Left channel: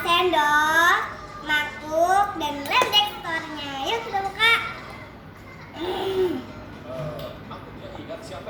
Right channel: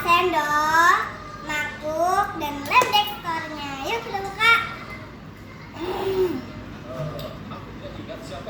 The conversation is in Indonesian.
sendok, mangkuk, dan lem dekornya. Yuk kita buka. Mangkuknya juga siapa?